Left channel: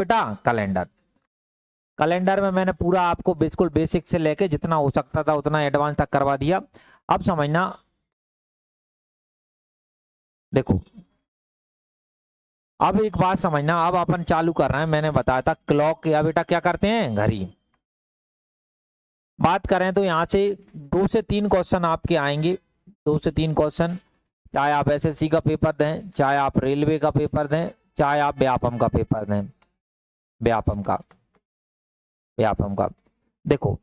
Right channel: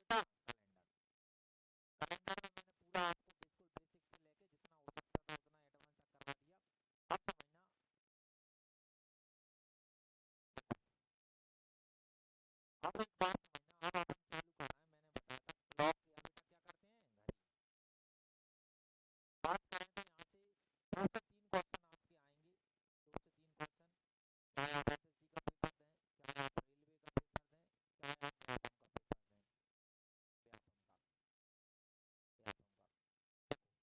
बेटा calendar. Calendar में मैंने पूरा आपको बिल्कुल बेसिक से लेके जितना हो सकता था उतना एडवांस तक करवा दिया। अब समझना, देखो अब एक बात समझना, अब अपन चालू कर रहे हैं। मैंने बताया था क्लॉक या बेटा क्या करते हैं, घड़ी। बात करें तो यहाँ से 2 से 3 क्वेश्चन आपके आएंगे, 2 से 3 क्वेश्चन, चाहे आप एसएससी का पेपर दें, चाहे आप रेलवे का पेपर दें, चाहे आप व्यापम का पेपर दें, व्यापम का, व्यापम का। देखो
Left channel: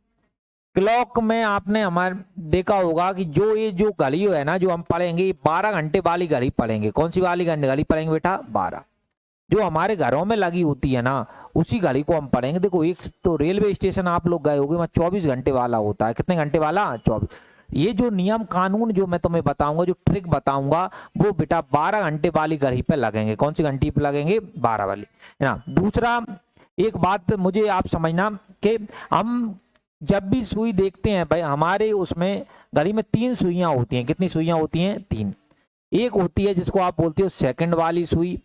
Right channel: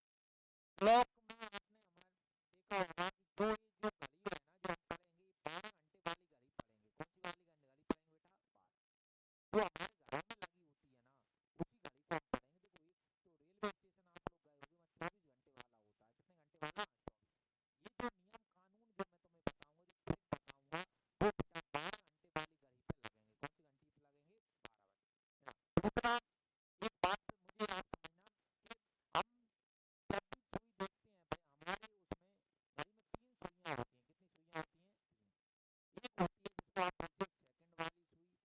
क्लॉक में आपने हमारे देखा होगा कि जो ये जो घड़ी है ना, जो हम पढ़ेंगे 12 घंटे वाली घड़ी पढ़ेंगे। कौन सी वाली घड़ी पढ़ेंगे बेटा, 12, जो हमारे घरों में लगी होती है ना, उसी घड़ी को हम पढ़ेंगे। देखो एक तो रेलवे स्टेशन आप लोग गए होगे, वहाँ 24 घंटे वाला होता है। कितने घंटे वाला, 24। ये जो नियम कानून जो मैं तुम्हें बताऊंगा, जो ट्रिक बताऊंगा, वो बेटा 12 घंटे वाली घड़ी पे लगेंगे। कौन सी घंटी पे लगेंगे, 12 वाली, है ना। दूसरा एक बात मुझे आप समझना कि हम जब भी सुई देखते हैं भाई, हमारे उसमें घड़ी में 3 सुइयां होती हैं। कितनी सुइयां होती हैं, 3। एक होती है जिसको आप बोलते हो सेकंड वाली सुई,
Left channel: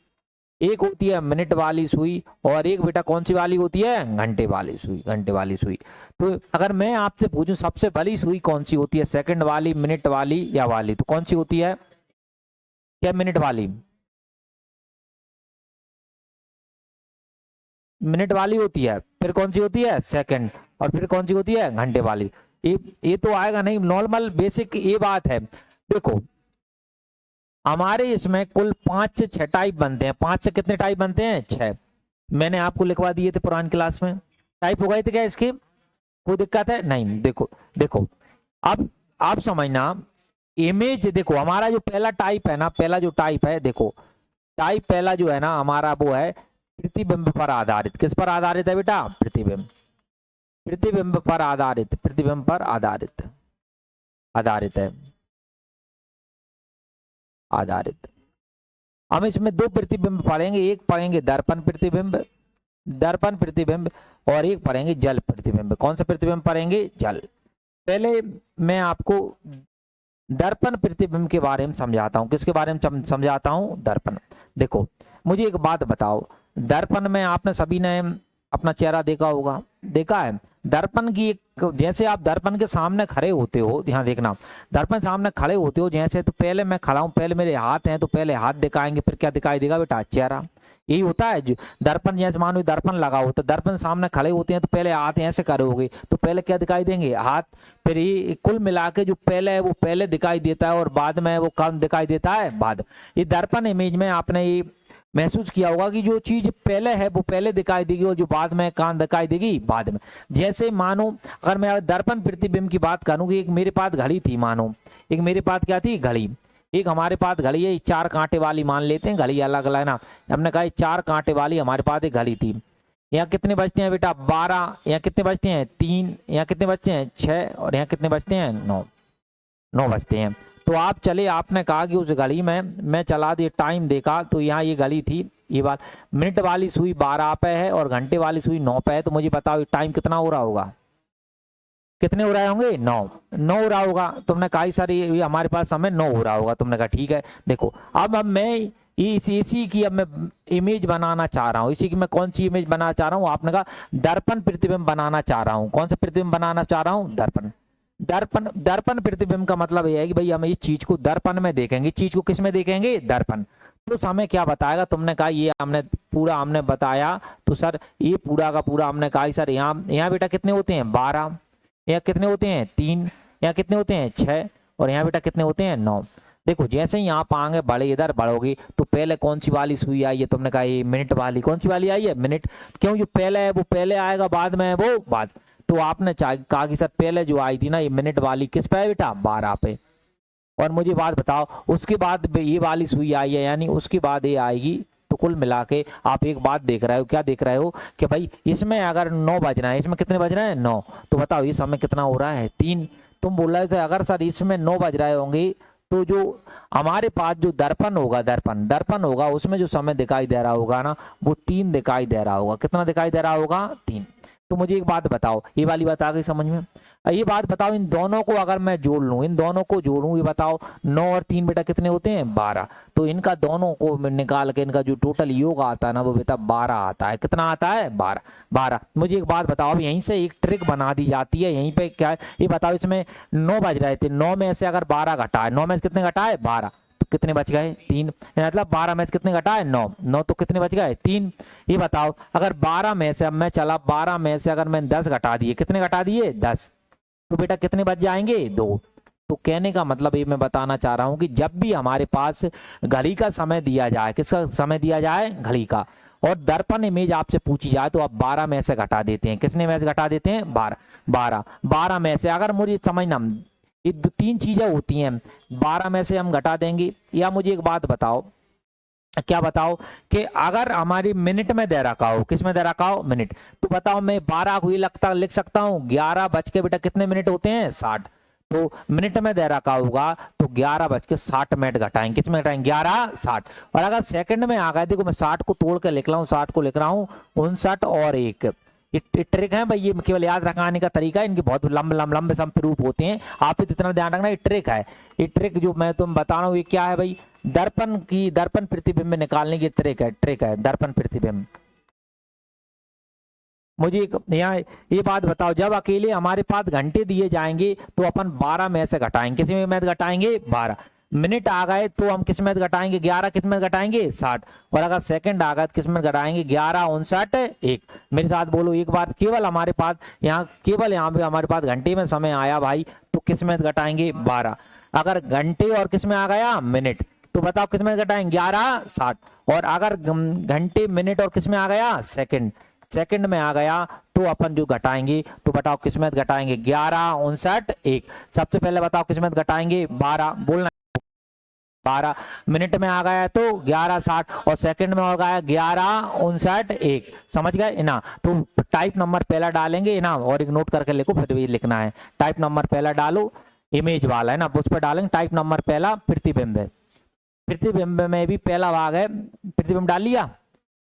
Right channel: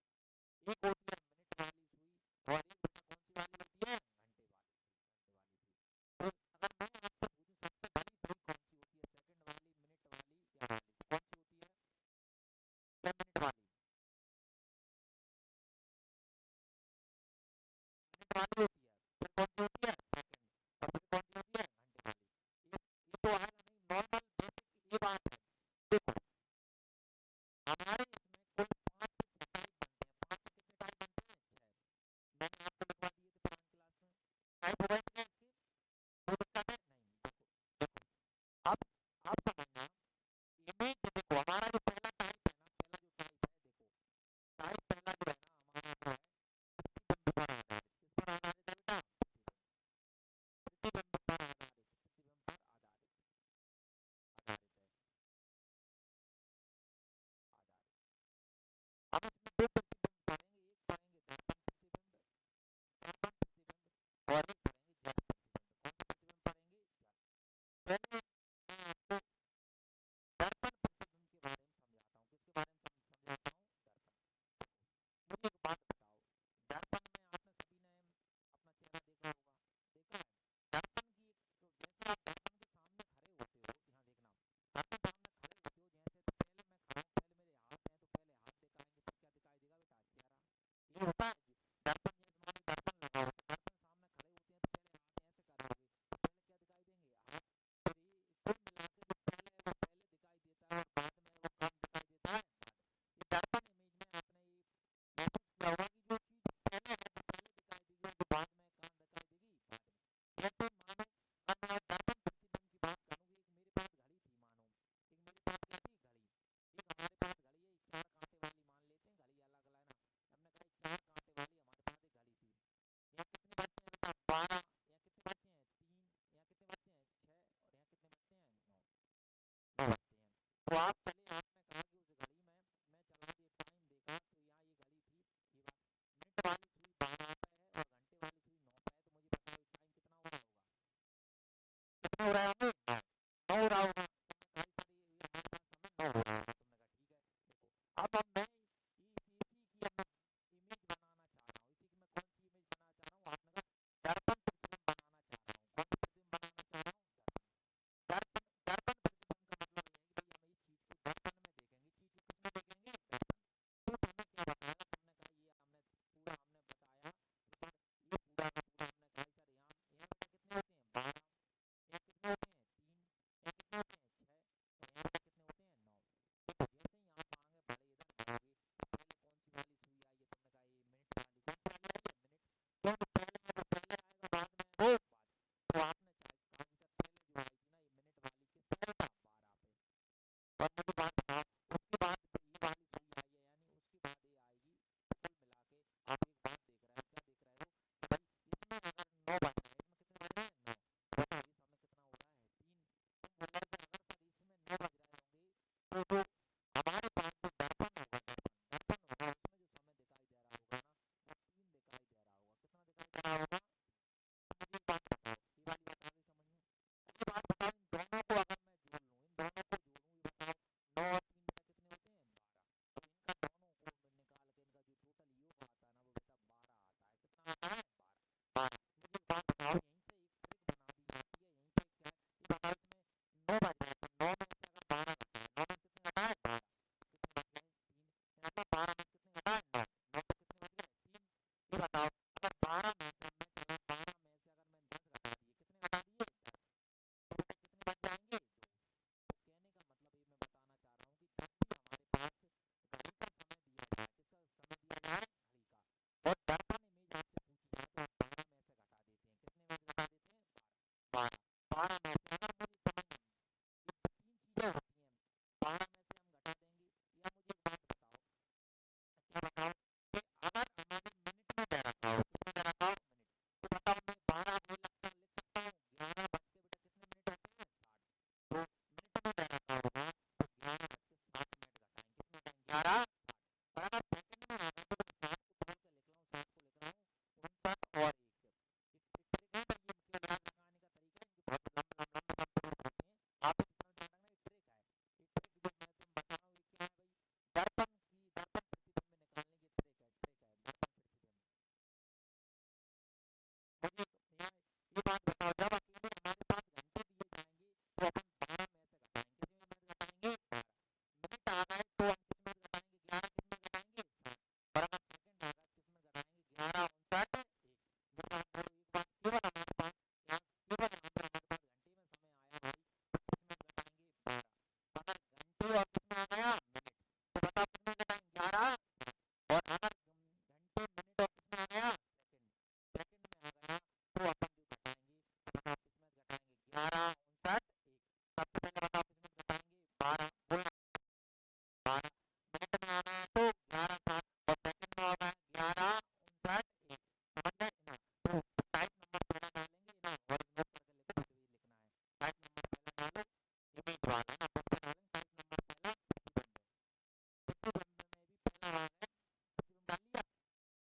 एक होती है मिनट वाली सुई, और एक बेटा कौन सी वाली होती है, घंटे वाली सुई, घंटे वाली सुई। तो अगर मैं आपसे पूछूं सबसे बड़ी सुई कौन सी होती है, सेकंड वाली, मिनट वाली या वाली, तो कौन सी होती है, क्या मिनट वाली, मिनट वाली होती है। फिर कौन सी होती है, सेकंड, और फिर कौन सी होती है, घंटे वाली। ये तो आएगा नहीं, नॉर्मल बेसिक ये बात है। देखो हमारे इसमें कुल 5 से 6 टाइप बनते हैं। 5 से कितने टाइप बनते हैं, 6। मैंने आपको लिखवा दिए थे पुरानी क्लास में। टाइप हो गए थे क्या इसके, कोई दिक्कत है नहीं। देखो देखो अब आप समझना, इमेज देखो हमारा जो पहला टाइप है ना, पहला जो टाइप है, देखो टाइप पहला जो है ना हमारा, वो है प्रतिबिंब पर आधारित। किस पर आधारित है बेटा, प्रतिबिंब, प्रतिबिंब पर आधारित, प्रतिबिंब पर आधारित, आधारित है, आधारित। हम इसमें 2 प्रतिबिंब पढ़ेंगे, एक पढ़ेंगे दर्पण प्रतिबिंब, दर्पण प्रतिबिंब, और एक पढ़ेंगे जल प्रतिबिंब। कौन सा प्रतिबिंब पढ़ेंगे, जल। पहले मैं आपको दर्पण प्रतिबिंब के बारे में समझाता हूँ। किसके बारे में समझाता हूँ, दर्पण। देखो मुझे एक बात बताओ, दर्पण में आपने सभी ने अपना चेहरा देखा होगा, देखा है। दर्पण की एक, जैसे आप दर्पण के सामने खड़े होते हो, ध्यान देखना, दर्पण सामने खड़े होते हो जैसे, तो पहले मैं खड़ा हूं, पहले मेरे हाथ हैं, तो पहले हाथ दिखाएंगे, फिर क्या दिखाई देगा बेटा, चेहरा। यही होता है जो दर्पण, जैसे मानो दर्पण लगा हो, तो दर्पण सामने खड़े होते हैं, तो पहले हाथ ऐसे करोगे, तो पहले क्या दिखाई देंगे, हाथ। फिर ये कुल मिला के जो पहले है वो पहले दिखाई देता है, और बाद में वो कम दिखाई देता है, बाद। ये दर्पण इमेज में आपने ये महसूस किया होगा कि जो चीज पहले है वो पहले दिखाई देगी, और जो बाद में कान दिखाई देगी बाद में। जैसे मानो अगर मैं दर्पण प्रतिबिंब की बात करूं कि एक मेरे पास घड़ी थी, मानो एक मेरे पास क्या थी, घड़ी। एक हमारे पास घड़ी है, 4 कांटे वाली मान लेते हैं, घड़ी अलग अलग है ना। हमने कहा 4 कांटे वाली हमारे पास एक घड़ी थी। यहाँ कितने बजते हैं बेटा, 12। यहाँ कितने बजते हैं, 3। यहाँ कितने बजते हैं, 6। और यहाँ कितने बजते हैं, 9, 9 बजते हैं। तो आप चले, आपने कहा कि उस घड़ी में मैं चला दिया, टाइम देखा, तो यहाँ ये घड़ी थी, ये बात। मिनट वाली सुई 12 पे है और घंटे वाली सुई 9 पे है, तो मुझे बताओ टाइम कितना हो रहा होगा, कितने हो रहे होंगे, 9, 9 हो रहा होगा। तुमने कहा सर ये हमारे पास समय 9 हो रहा होगा, तुमने कहा ठीक है। देखो अब मैं इसी की अब मैं इमेज बनाना चाह रहा हूँ, इसी की मैं कौन सी इमेज बनाना चाह रहा हूँ, आपने कहा दर्पण प्रतिबिंब बनाना चाह रहा हूँ। कौन सा प्रतिबिंब बनाना चाह रहा हूँ, दर्पण। दर्पण, दर्पण प्रतिबिंब का मतलब यह है कि भाई हम इस चीज को दर्पण में देखेंगे, चीज को किस में देखेंगे, दर्पण। तो समय क्या बताएगा, तुमने कहा ये हमने पूरा हमने बताया, तो सर ये पूरा का पूरा हमने कहा सर यहाँ यहाँ बेटा कितने होते हैं, 12। यहाँ कितने होते हैं, 3। यहाँ कितने होते हैं, 6। और यहाँ बेटा कितने होते हैं, 9। देखो जैसे ही यहाँ आगे बढ़े, इधर बढ़ोगी, तो पहले कौन सी वाली सुई आई है, तुमने कहा ये मिनट वाली। कौन सी वाली आई है, मिनट। क्यों, जो पहले है वो पहले आएगा, बाद में है वो बाद। तो आपने कहा कि सर पहले जो आई थी ना ये मिनट वाली, किस पे है बेटा, 12 पे। और मुझे बात बताओ उसके बाद ये वाली सुई आई है, यानी उसके बाद ये आएगी। तो कुल मिला के आप एक बात देख रहे हो, क्या देख रहे हो कि भाई इसमें अगर 9 बजना है, इसमें कितने बज रहे हैं, 9। तो बताओ ये समय कितना हो रहा है, 3। तुम बोल रहे थे अगर सर इसमें 9 बज रहे होंगे, तो जो हमारे पास जो दर्पण होगा, दर्पण दर्पण होगा, उसमें जो समय दिखाई दे रहा होगा ना, वो 3 दिखाई दे रहा होगा। कितना दिखाई दे रहा होगा, 3। तो मुझे एक बात बताओ, ये वाली बात आ गई समझ में? ये बात बताओ, इन दोनों को अगर मैं जोड़ लूं, इन दोनों को जोड़ूं, ये बताओ 9 और 3 बेटा कितने होते हैं? 12। तो इनका दोनों को निकाल के इनका जो टोटल योग आता है ना वो बेटा 12 आता है। कितना आता है? 12। 12। मुझे एक बात बताओ, अब यहीं से एक ट्रिक बना दी जाती है, यहीं पे क्या है ये बताओ। इसमें 9 बज रहे थे, 9 में से अगर 12 घटा है, 9 में से कितने घटा है? 12, तो कितने बच गए? 3। मतलब 12 में से कितने घटा है? 9। 9 तो कितने बच गए? 3। ये बताओ अगर 12 में से, अब मैं चला 12 में से अगर मैं 10 घटा दिए, कितने घटा दिए? 10, तो बेटा कितने बच जाएंगे? 2। तो कहने का मतलब ये मैं बताना चाह रहा हूं कि जब भी हमारे पास घड़ी का समय दिया जाए, किसका समय दिया जाए? घड़ी का, और दर्पण इमेज आपसे पूछी जाए तो आप 12 में से घटा देते हैं। किसने में से घटा देते हैं? 12। 12। 12 में से अगर मुझे समझना, ये 3 चीजें होती हैं, 12 में से हम घटा देंगे। या मुझे एक बात बताओ, क्या बताओ कि अगर हमारी मिनट में दे रखा हो, किस में दे रखा हो? मिनट, तो बताओ मैं 12 को लिख सकता हूँ 11 बज के बेटा कितने मिनट होते हैं? 60। तो मिनट में दे रखा होगा तो 11 बज के 60 मिनट घटाएंगे, किस में घटाएंगे? 11 60। और अगर सेकंड में आ गया, देखो मैं 60 को तोड़ के लिख रहा हूँ, 60 को लिख रहा हूँ 59 और 1। ये ट्रिक है भाई, ये केवल याद रखाने का तरीका है, इनके बहुत लंबे रूप होते हैं, आप इतना ध्यान रखना। ये ट्रिक है, ये ट्रिक जो मैं तुम बता रहा हूँ ये क्या है भाई? दर्पण प्रतिबिंब निकालने की ट्रिक है दर्पण प्रतिबिंब। मुझे यहाँ ये बात बताओ, जब अकेले हमारे पास घंटे दिए जाएंगे तो अपन 12 में से घटाएंगे, किस में घटाएंगे? 12। मिनट आ गए तो हम किस में घटाएंगे? 11। किस में घटाएंगे? 60। और अगर सेकंड आ गए तो किस में घटाएंगे? 11 59 1। मेरे साथ बोलो एक बार, केवल हमारे पास यहाँ पे हमारे पास घंटे में समय आया भाई, तो किस में घटाएंगे? 12। अगर घंटे और किस में आ गया? मिनट, तो बताओ किस में घटाएंगे? 11 60। और अगर घंटे मिनट और किस में आ गया? सेकंड में आ गया, तो अपन जो घटाएंगे, तो बताओ किस में घटाएंगे? 11 59 1। सबसे पहले बताओ किस में घटाएंगे? 12, बोलना 12। मिनट में आ गया तो 11 60, और सेकंड में हो गया 11 59 1। समझ गए ना? तो टाइप नंबर पहला डालेंगे ना, और एक नोट करके लिखो, फिर भी लिखना है। टाइप नंबर पहला डालो, इमेज वाला है ना, उस पर डालेंगे। टाइप नंबर पहला प्रतिबिंब है, प्रतिबिंब में भी पहला भाग है, प्रतिबिंब डाल लिया,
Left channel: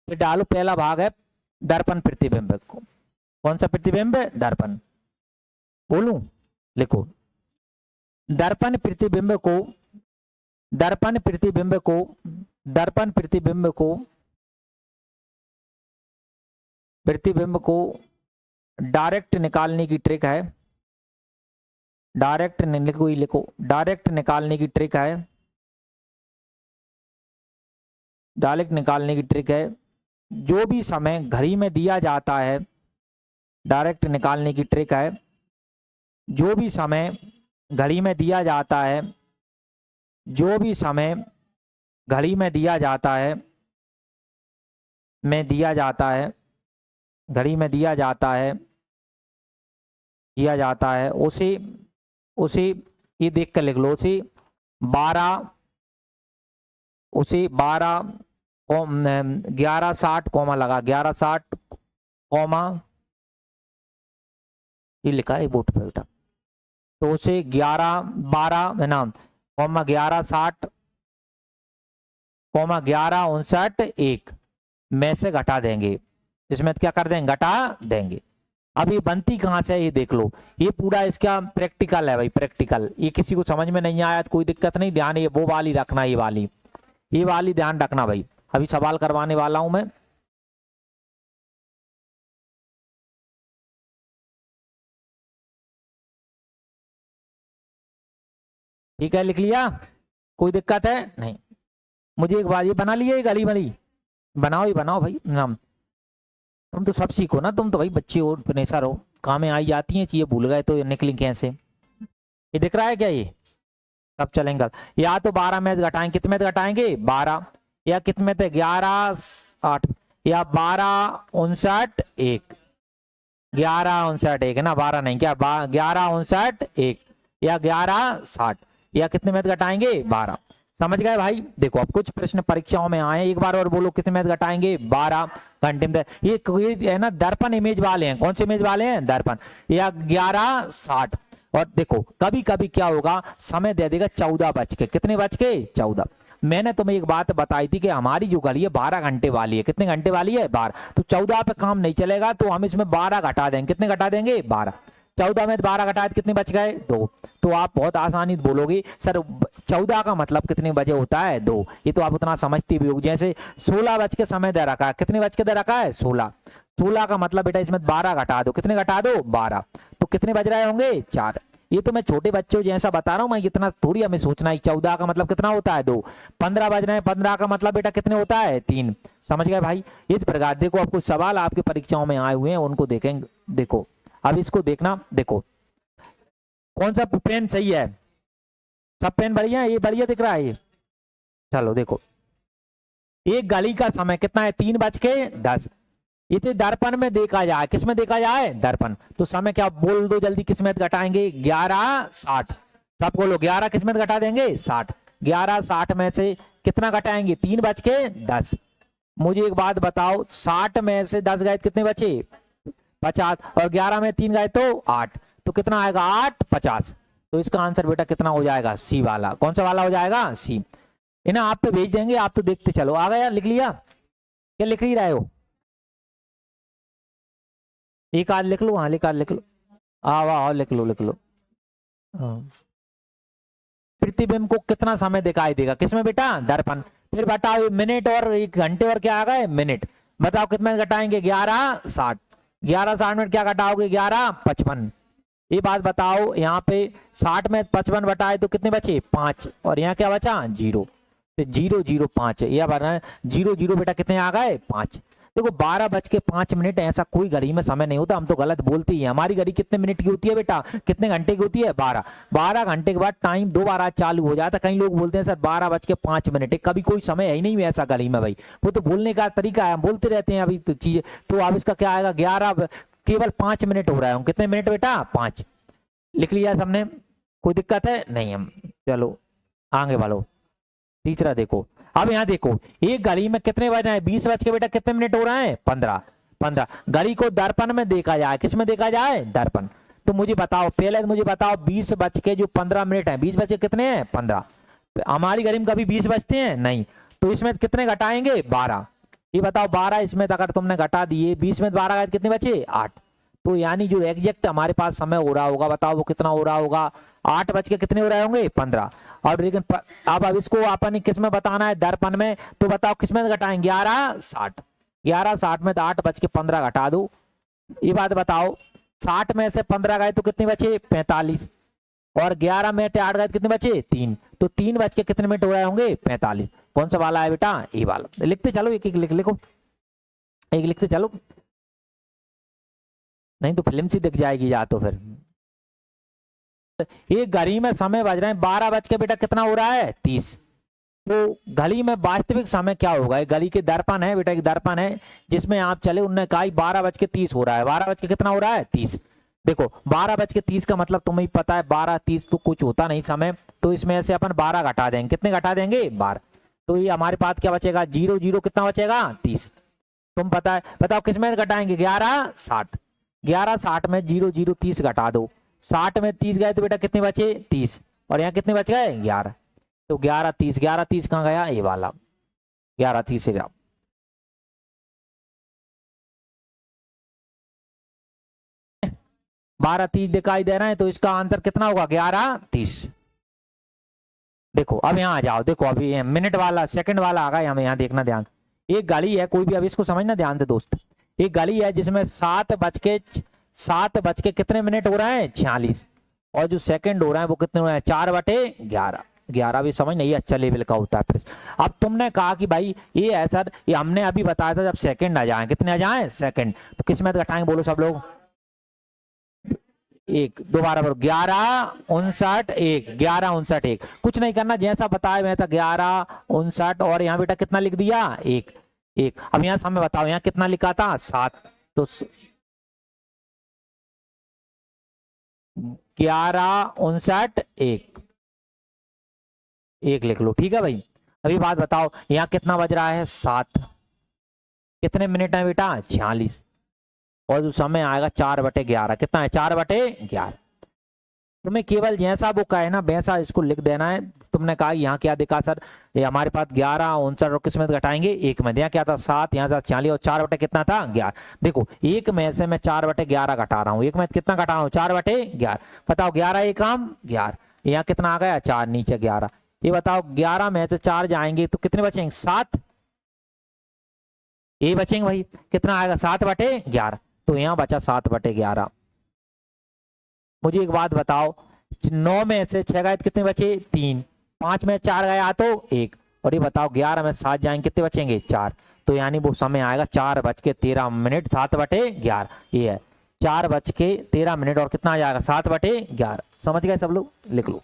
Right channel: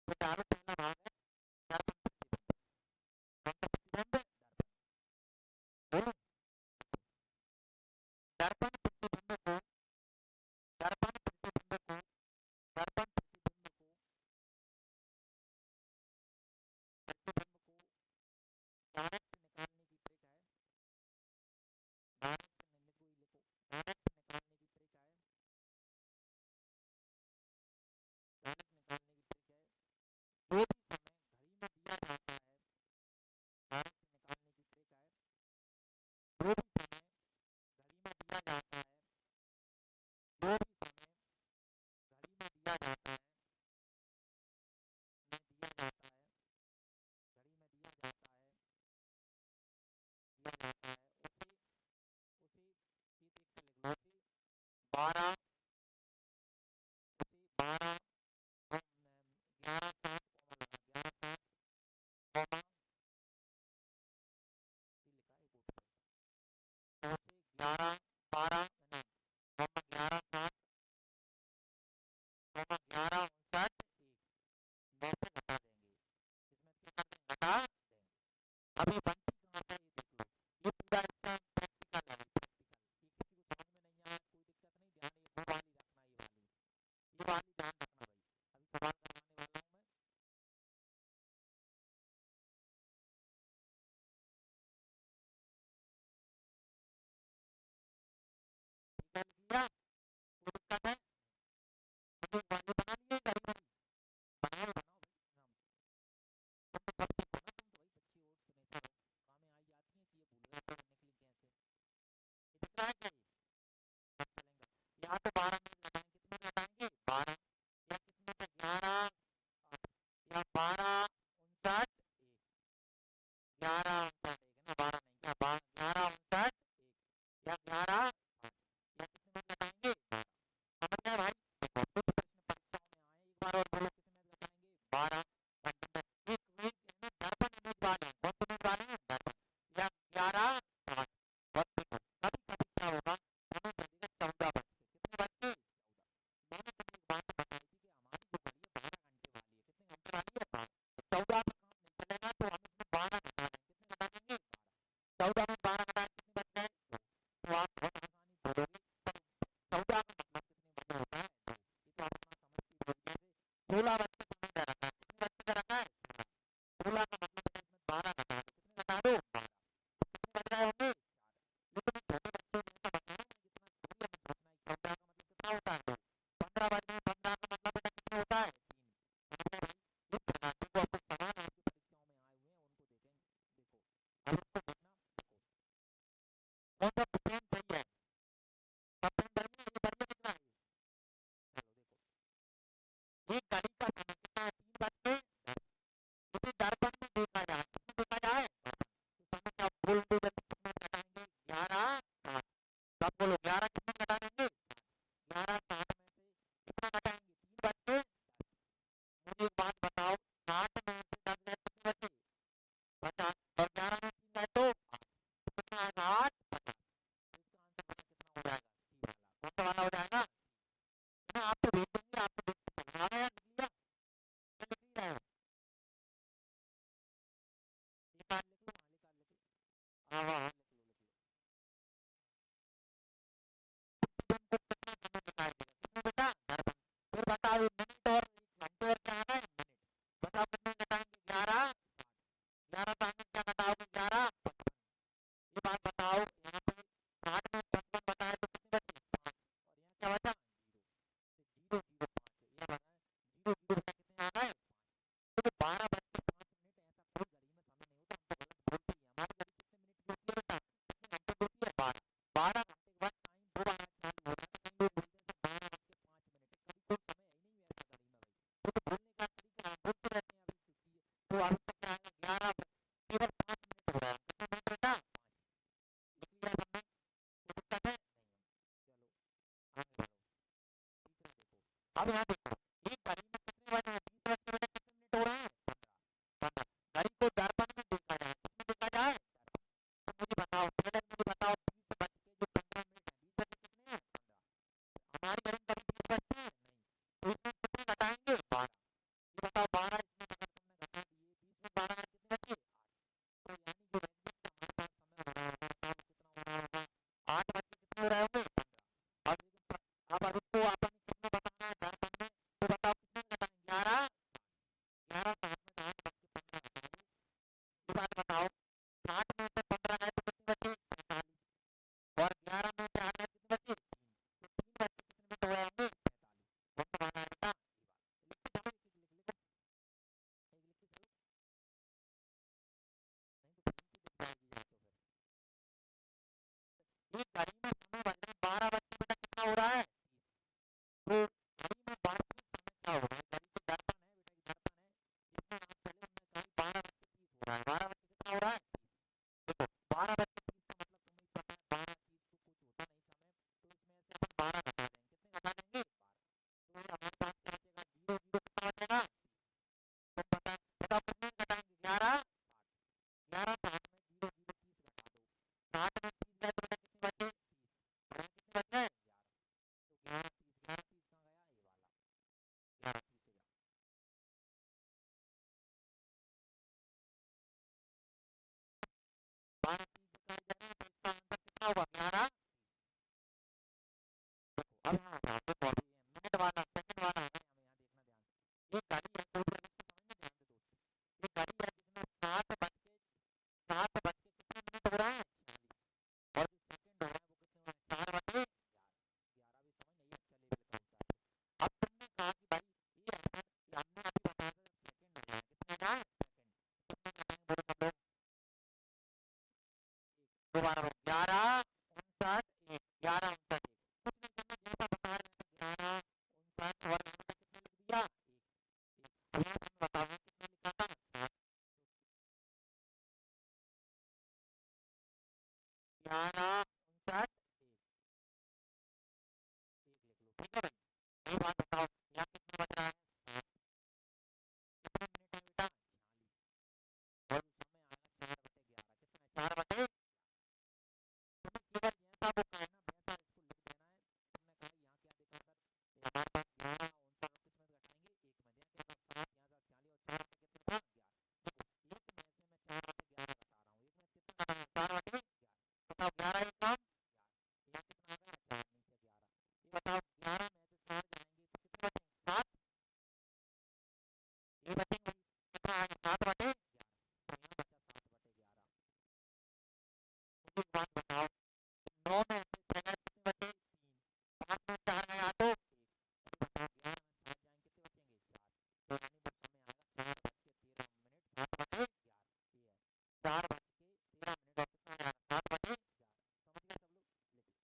फिर डालो पहला भाग है दर्पण प्रतिबिंब को। कौन सा प्रतिबिंब? दर्पण। बोलूं? लिखो, दर्पण प्रतिबिंब को दर्पण प्रतिबिंब को दर्पण प्रतिबिंब को प्रतिबिंब को डायरेक्ट निकालने की ट्रिक है। डायरेक्ट लिखो, डायरेक्ट निकालने की ट्रिक है, डायरेक्ट निकालने की ट्रिक है। जो भी समय घड़ी में दिया जाता है, डायरेक्ट निकालने की ट्रिक है, जो भी समय घड़ी में दिया जाता है, जो भी समय घड़ी में दिया जाता है, घड़ी में दिया जाता है, उसे ये देख कर लिख लो, उसे 12 11 60 कॉमा लगा, 11 60 कॉमा, ये लिखा है बोर्ड पे बेटा, तो उसे 11 12 है ना, कॉमा 11 60 कॉमा 11 59 1 में से घटा देंगे। इसमें क्या कर देंगे? घटा देंगे। अब ये बनती कहाँ से है ये देख लो, ये पूरा इसका प्रैक्टिकल है भाई, प्रैक्टिकल। ये किसी को समझ में नहीं आया तो कोई दिक्कत नहीं, ध्यान ये वो वाली रखना, ये वाली ध्यान रखना भाई। अभी सवाल करवाने वाला हूं मैं। ठीक है, लिख लिया? कोई दिक्कत है? नहीं। मुझे एक बात, ये बना लिया, एक गली वाली बनाओ, ही बनाओ भाई नाम। तुम तो सब सीखो ना, तुम तो भाई बच्चे हो, प्रेशर हो, काम में आई जाती हैं चीजें, भूल गए तो निकली कैसे? ये दिख रहा है क्या? ये सब चलेंगे। या तो 12 में घटाएंगे, कितने में घटाएंगे? 12। या कितने थे? 11 60, या 12 59 1, 11 59 1 है ना, 12 नहीं, क्या 11 59 1, या 11 60, या कितने में घटाएंगे? 12। समझ गए भाई? देखो अब कुछ प्रश्न परीक्षाओं में आए, एक बार और बोलो, कितने में घटाएंगे? 12 घंटे में। ये है ना दर्पण इमेज वाले हैं, कौन से इमेज वाले हैं? दर्पण। या 11 60, और देखो कभी कभी क्या होगा, समय दे देगा 14 बज के, कितने बज के? 14। मैंने तुम्हें एक बात बताई थी कि हमारी जो घड़ी है 12 घंटे वाली है। कितने घंटे वाली है? 12। तो 14 पे काम नहीं चलेगा, तो हम इसमें 12 घटा देंगे। कितने घटा देंगे? 12। 14 में 12 घटाए तो कितने बच गए? 2। तो आप बहुत आसानी से बोलोगे सर 14 का मतलब कितने बजे होता है? 2। ये तो आप उतना समझते भी हो। जैसे 16 बज के समय दे रखा है, कितने बज के दे रखा है? 16। 16 का मतलब बेटा इसमें 12 घटा दो। कितने घटा दो? 12। तो कितने बज रहे होंगे? 4। ये तो मैं छोटे बच्चों जैसा बता रहा हूँ, मैं इतना थोड़ी हमें सोचना है। 14 का मतलब कितना होता है? 2। 15 बज रहे हैं, 15 का मतलब बेटा कितने होता है? 3। समझ गए भाई? इस प्रकार देखो, आपको सवाल आपकी परीक्षाओं में आए हुए हैं, उनको देखेंगे। देखो अब इसको देखना। देखो कौन सा पेन सही है? सब पेन बढ़िया है? ये बढ़िया दिख रहा है ये? चलो देखो, एक घड़ी का समय कितना है? 3:10। इसे दर्पण में देखा जाए, किस में देखा जाए? दर्पण। तो समय क्या बोल दो जल्दी, किस में घटाएंगे? 11:60। सब बोलो 11 किस में घटा देंगे? 60। 11:60 में से कितना घटाएंगे? 3:10। मुझे एक बात बताओ, 60 में से 10 गए कितने बचे? 50। और 11 में 3 गए तो 8। तो कितना आएगा? 8:50। तो इसका आंसर बेटा कितना हो जाएगा? सी वाला। कौन सा वाला हो जाएगा? सी। इन्हें आप पे भेज देंगे, आप तो देखते चलो। आ गया? लिख लिया? क्या लिख ही रहे हो? एक आध लिख लो। हाँ एक आध लिख लो। आओ आओ लिख लो लिख लो। हाँ। प्रतिबिंब को कितना समय दिखाई देगा? किसमें बेटा? दर्पण। फिर बताओ मिनट और एक घंटे और क्या आ गए? मिनट। बताओ कितना घटाएंगे? 11:60। 11:60 में क्या घटाओगे? 11:55। ये बात बताओ, यहाँ पे 60 में 55 घटाए तो कितने बचे? 5। और यहाँ क्या बचा? 0। तो 005 है यह बना है। 00 बेटा कितने आ गए? 5। देखो 12:05 ऐसा कोई घड़ी में समय नहीं होता, हम तो गलत बोलते ही हैं। हमारी घड़ी कितने मिनट की होती है बेटा? कितने घंटे की होती है? 12। 12 घंटे के बाद टाइम दोबारा चालू हो जाता है। कई लोग बोलते हैं सर 12:05, कभी कोई समय है ही नहीं ऐसा घड़ी में भाई। वो तो बोलने का तरीका है, हम बोलते रहते हैं अभी तो चीजें। तो अब इसका क्या आएगा? 11 केवल 5 मिनट हो रहा है। कितने मिनट बेटा? 5। लिख लिया सबने? कोई दिक्कत है? नहीं। हम चलो आगे बढ़ो। तीसरा देखो, अब यहाँ देखो, एक घड़ी में कितने बज रहे हैं? 20 बज के बेटा कितने मिनट हो रहे हैं? 15। 15। घड़ी को दर्पण में देखा जाए, किस में देखा जाए? दर्पण। तो मुझे बताओ, पहले मुझे बताओ 20 बज के जो 15 मिनट है, 20 बज के कितने हैं? 15। हमारी घड़ी में कभी 20 बजते हैं? नहीं। तो इसमें कितने घटाएंगे? 12। ये बताओ 12 इसमें अगर तुमने घटा दिए, 20 में 12 कितने बचे? 8। तो यानी जो एग्जैक्ट हमारे पास समय हो रहा होगा, बताओ वो कितना हो रहा होगा? 8 बज के कितने हो रहे होंगे? 15। और लेकिन अब इसको अपन किस में बताना है? दर्पण में। तो बताओ किस में घटाएंगे? 11:60। 11:60 में 8 बज के 15 घटा दो। ये बात बताओ, 60 में से 15 गए तो कितने बचे? 45। और 11 में 8 गए कितने बचे? 3। तो 3 बज के कितने मिनट हो रहे होंगे? 45। कौन सा वाला है बेटा? ये वाला। लिखते चलो, एक एक लिखो, एक लिखते चलो, नहीं तो फिल्म सी दिख जाएगी या तो फिर। एक घड़ी में समय बज रहे हैं 12 बज के बेटा कितना हो रहा है? 30। तो घड़ी में वास्तविक समय क्या होगा? एक घड़ी के दर्पण है बेटा, एक दर्पण है जिसमें आप चले, उनने कहा 12:30 हो रहा है। 12 बज के कितना हो रहा है? 30। देखो 12:30 का मतलब तुम्हें पता है 12:30 तो कुछ होता नहीं समय, तो इसमें से अपन 12 घटा देंगे। कितने घटा देंगे? 12। तो ये हमारे पास क्या बचेगा? 00 कितना बचेगा? 30। तुम पता है, बताओ किस में घटाएंगे? 11:60। 11:60 में 00:30 घटा दो। 60 में 30 गए तो बेटा कितने बचे? 30। और यहाँ कितने बच गए? 11। तो 11:30। 11:30 कहाँ गया? ये वाला 11:30 से जाओ। 12:30 दिखाई दे रहा है, तो इसका आंसर कितना होगा? 11:30। देखो अब यहाँ आ जाओ। देखो अभी मिनट वाला, सेकंड वाला आ गया। हमें यहाँ देखना ध्यान। एक गाड़ी है कोई भी, अब इसको समझना ध्यान से दोस्त। एक गाड़ी है जिसमें 7 बज के कितने मिनट हो रहे हैं? 46। और जो सेकंड हो रहा है वो कितने हो रहे हैं? 4/11। 11 भी समझ नहीं, अच्छा लेवल का होता है फिर। अब तुमने कहा कि भाई ये है सर, ये हमने अभी बताया था जब सेकंड आ जाए। कितने आ जाए? सेकंड। तो किस में घटाएंगे? बोलो सब लोग। एक दोबारा बोलो। 11:59 11:59 कुछ नहीं करना, जैसा बताया मैं था 11:59। और यहाँ बेटा कितना लिख दिया? एक। एक। अब यहाँ समय बताओ, यहाँ कितना लिखा था? 7। तो 11:59 एक लिख लो, ठीक है भाई। अभी बात बताओ, यहाँ कितना बज रहा है? 7। कितने मिनट है बेटा? 46। और जो समय आएगा 4/11। कितना है? 4/11। तुम्हें केवल जैसा वो कहे ना वैसा इसको लिख देना है। तुमने कहा यहाँ क्या दिखा सर, ये हमारे पास 11 59 और किस में घटाएंगे 1 में, यहाँ क्या था 7, यहाँ था 40 और 4 बटे कितना था 11। देखो 1 में से मैं 4 बटे 11 घटा रहा हूँ, 1 में कितना घटा रहा हूँ 4 बटे 11। बताओ 11 एक काम 11, यहाँ कितना आ गया 4 नीचे 11। ये बताओ 11 में से 4 जाएंगे तो कितने बचेंगे 7, ये बचेंगे भाई, कितना आएगा 7 बटे 11। तो यहाँ बचा 7 बटे 11। मुझे एक बात बताओ 9 में से 6 गए कितने बचे 3, 5 में 4 गया तो 1, और ये बताओ 11 में 7 जाएंगे कितने बचेंगे 4। तो यानी वो समय आएगा 4:13 7 बटे 11। ये है 4:13 और कितना आ जाएगा 7 बटे 11। समझ गए सब लोग, लिख लो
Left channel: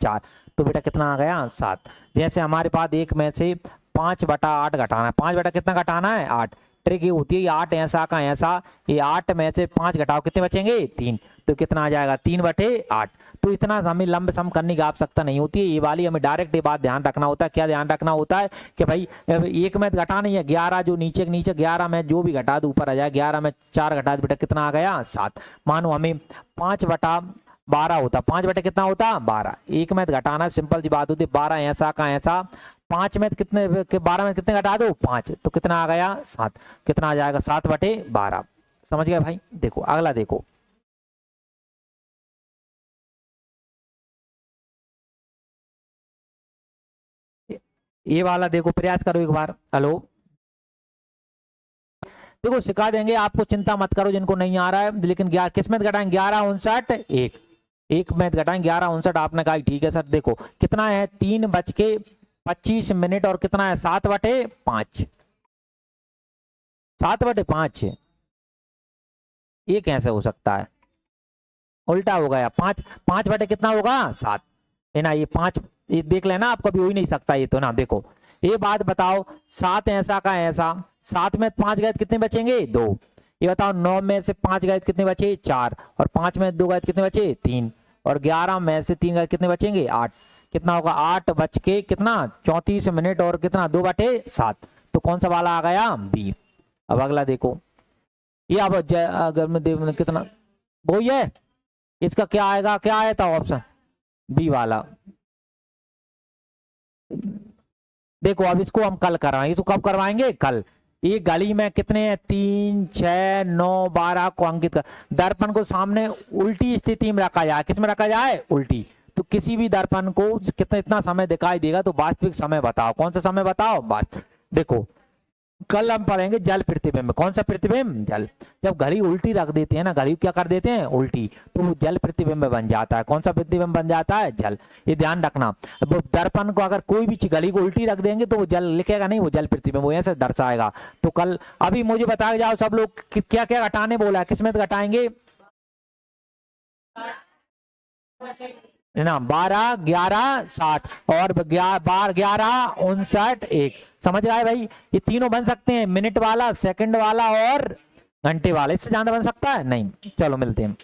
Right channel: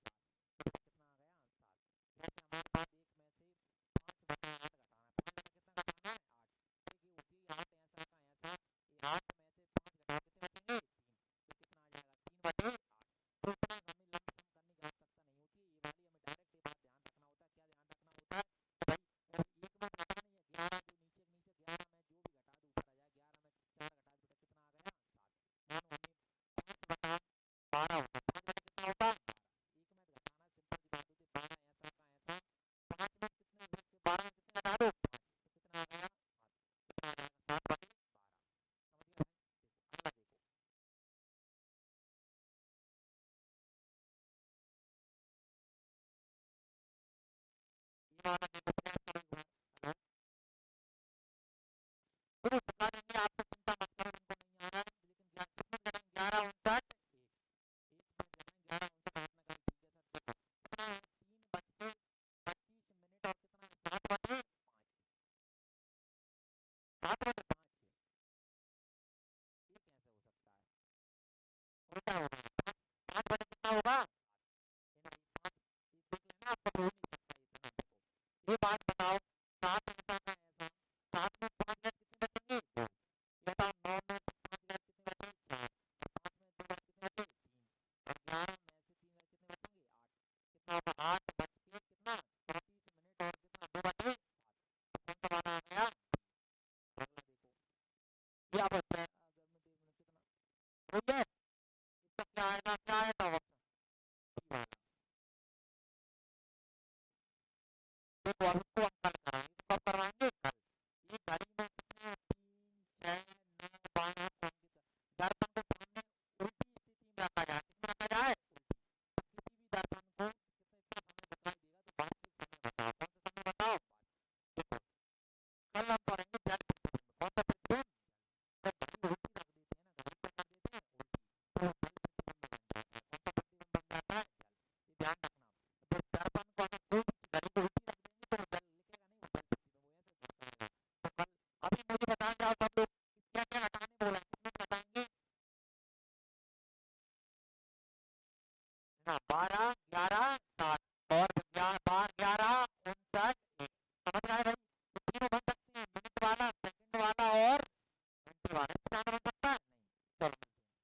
4। तो बेटा कितना आ गया 7। जैसे हमारे पास 1 में से 5/8 घटाना है, 5 बटा कितना घटाना है 8। ट्रिक ये होती है 8 ऐसा का ऐसा, ये 8 में से 5 घटाओ कितने बचेंगे 3, तो कितना आ जाएगा 3/8। तो इतना हमें लंब सम करने की आवश्यकता नहीं होती है, ये वाली हमें डायरेक्ट ये बात ध्यान रखना होता है। क्या ध्यान रखना होता है कि भाई 1 में घटा नहीं है 11, जो नीचे 11 में जो भी घटा दो ऊपर आ जाए, 11 में 4 घटा दो बेटा कितना आ गया 7। मानो हमें 5/12 होता, 5 बटे कितना होता 12, 1 में घटाना सिंपल सी बात होती है, 12 ऐसा का ऐसा, 5 में कितने 12 में कितने घटा दो 5, तो कितना आ गया 7, कितना आ जाएगा 7/12। समझ गए भाई। देखो अगला देखो, ये वाला देखो, प्रयास करो एक बार। हेलो, देखो सिखा देंगे आपको, चिंता मत करो जिनको नहीं आ रहा है। लेकिन किस में घटाएंगे 11 59 1 में घटाएंगे 11 59। आपने कहा ठीक है सर। देखो कितना है 3:25 और कितना है 7/5, 7/5। ये कैसे हो सकता है, उल्टा हो गया। 5 बटे कितना होगा 7 है ना, ये 5 ये देख लेना, आप कभी हो ही नहीं सकता ये तो ना। देखो ये बात बताओ 7 ऐसा का ऐसा, 7 में 5 गए कितने बचेंगे 2। ये बताओ 9 में से 5 गए कितने बचे 4, और 5 में 2 गए कितने बचे 3, और 11 में से 3 गए कितने बचेंगे 8। कितना होगा 8:34 और कितना 2/7। तो कौन सा वाला आ गया बी। अब अगला देखो, ये अब अगर मैं कितना वो है, इसका क्या आएगा, क्या आया था ऑप्शन बी वाला। देखो अब इसको हम कल करवाएंगे, इसको कब करवाएंगे कल। ये गली में कितने हैं 3 6 9 12 को अंकित कर, दर्पण को सामने उल्टी स्थिति में रखा जाए। किस में रखा जाए उल्टी। तो किसी भी दर्पण को कितना इतना समय दिखाई देगा, तो वास्तविक समय बताओ, कौन सा समय बताओ वास्तविक। देखो कल हम पढ़ेंगे जल प्रतिबिंब। कौन सा प्रतिबिंब जल। जब घड़ी उल्टी रख देते हैं ना, घड़ी क्या कर देते हैं उल्टी, तो वो जल प्रतिबिंब बन जाता है। कौन सा प्रतिबिंब बन जाता है जल। ये ध्यान रखना। दर्पण को अगर कोई भी घड़ी को उल्टी रख देंगे तो वो जल लिखेगा नहीं, वो जल प्रतिबिंब वो ऐसे दर्शाएगा। तो कल अभी मुझे बता जाओ सब लोग क्या क्या घटाने बोला है, किसमें घटाएंगे ना 12 11 60 और 12 11 59 1। समझ आए भाई। ये तीनों बन सकते हैं, मिनट वाला, सेकंड वाला और घंटे वाला। इससे ज्यादा बन सकता है नहीं। चलो मिलते हैं।